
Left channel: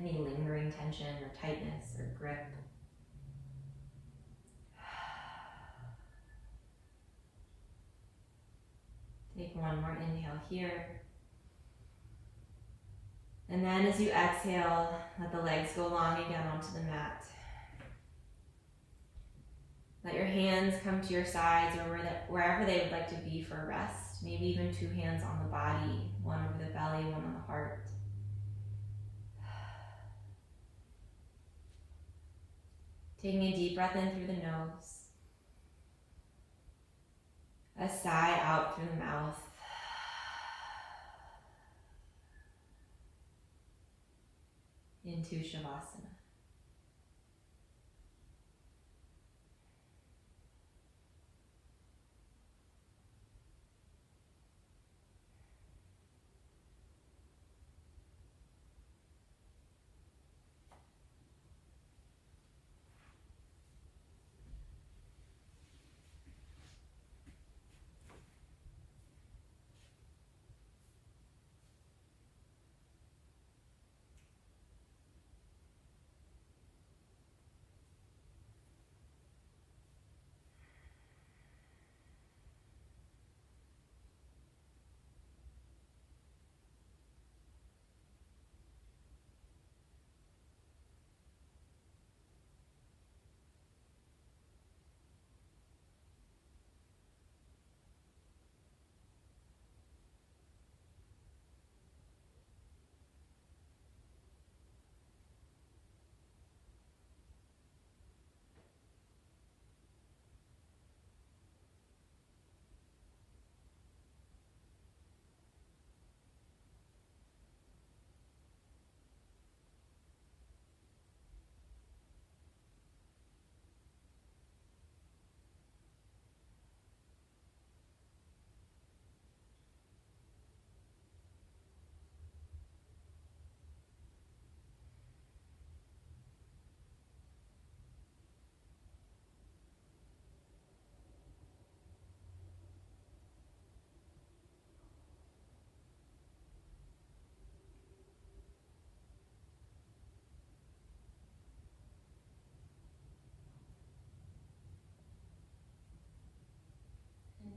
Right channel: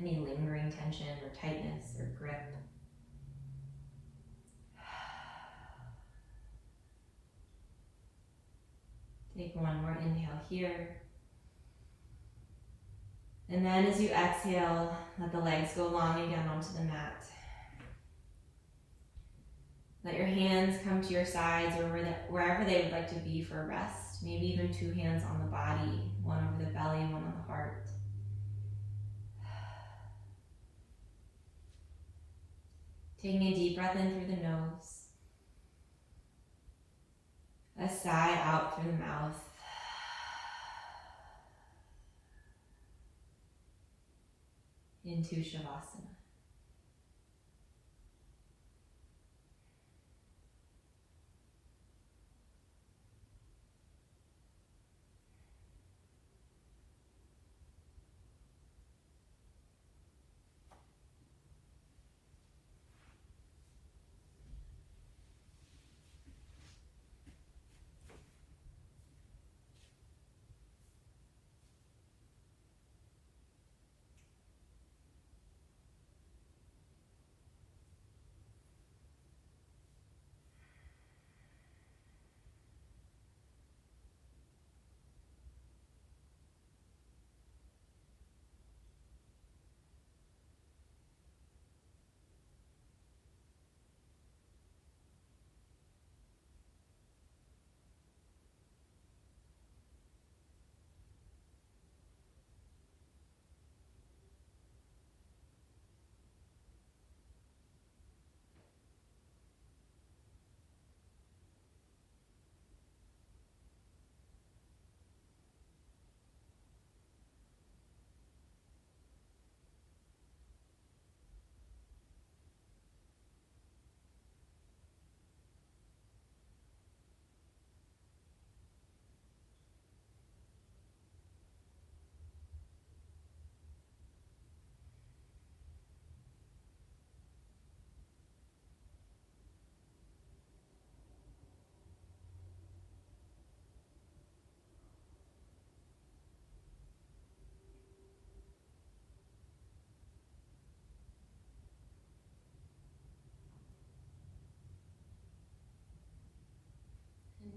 any lingering tension or tightness or grip. Take one more inhale here. And then as you exhale, let the legs go long again onto the mat. Let your hands come to your sides or wherever they would like to be for rest. Maybe even two hands on the body, one over the belly, one on the heart. Taking a deep breath in through the nose. A sigh out through the mouth. Into Shavasana.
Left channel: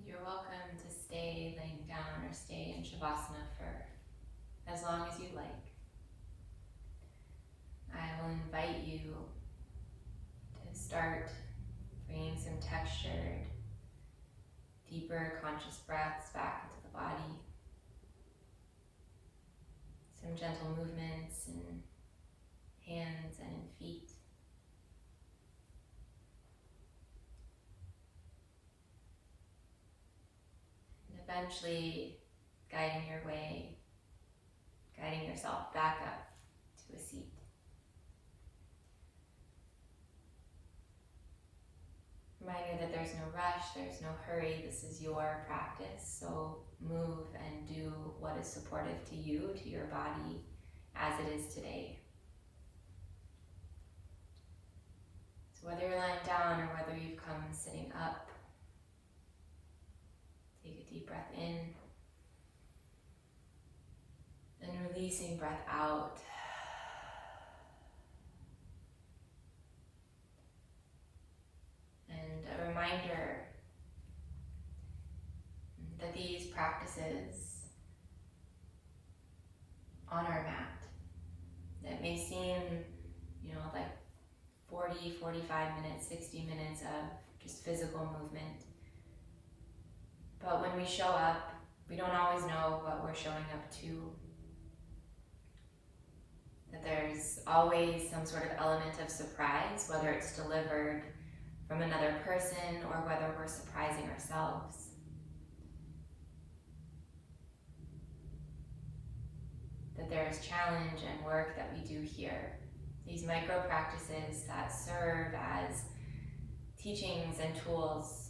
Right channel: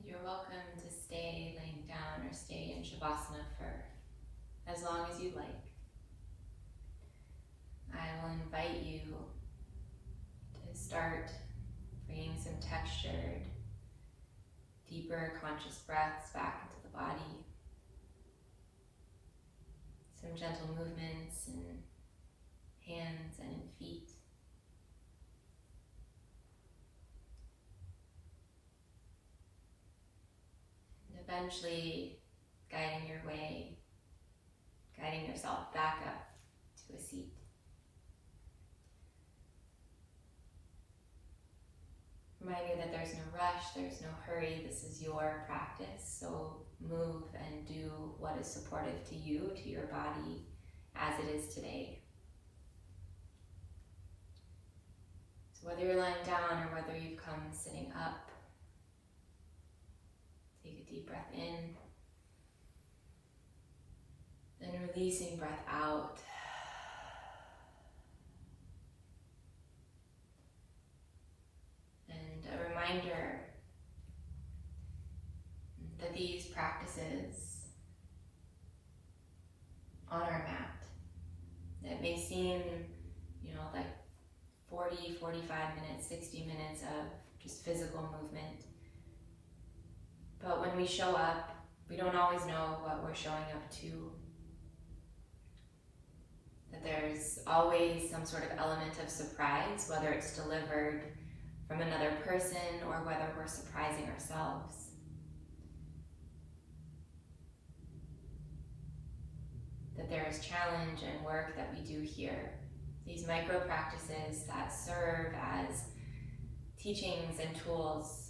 You're welcome to stay laying down or stay in Shavasana for as long as you like. I will invite you to start bringing some textured, deeper conscious breaths back into the body. Some gentle movements in hands and in feet. Eventually guiding your way, guiding yourself back up to a seat. Reminder that there's no rush, there's no hurry, this is your practice. So move and do what is supportive to you, to your body, as it is today. So whether you're lying down or whether you've come sitting up, take a deep breath in, then releasing breath out. And a reminder that these practices on our mat, that may seem, like 40, 45 minutes, 60 minutes of just physical movement. But when we show up, we don't always know what we're showing up to. That there's always some sort of element of surprise, whether it's delivered from another person or whether we're surprising ourselves. That there is challenge and work that we do here. These micro practices that serve as teachings and tools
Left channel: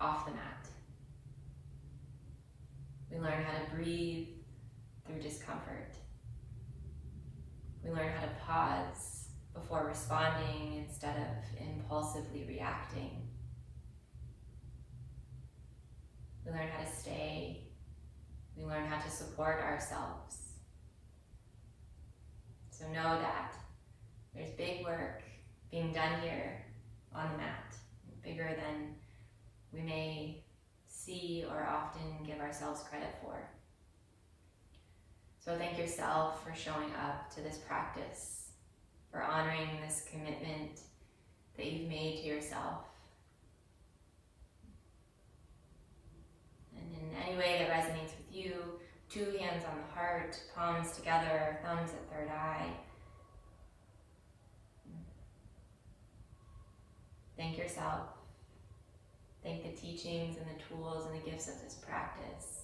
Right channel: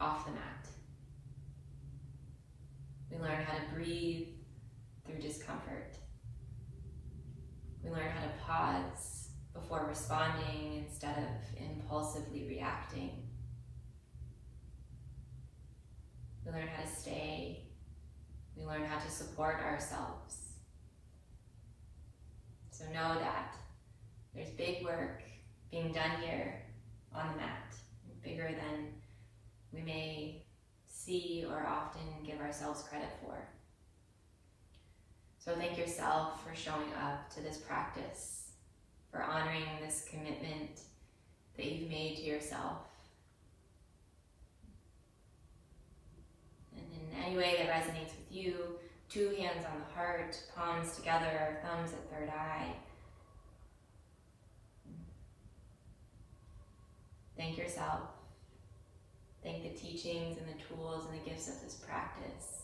off the mat. We learn how to breathe through discomfort. We learn how to pause before responding instead of impulsively reacting. We learn how to stay. We learn how to support ourselves. So know that there's big work being done here on the mat, bigger than we may see or often give ourselves credit for. So thank yourself for showing up to this practice, for honoring this commitment that you've made to yourself. And in any way that resonates with you, 2 hands on the heart, palms together, thumbs at third eye. Thank yourself. Thank the teachings and the tools and the gifts of this practice.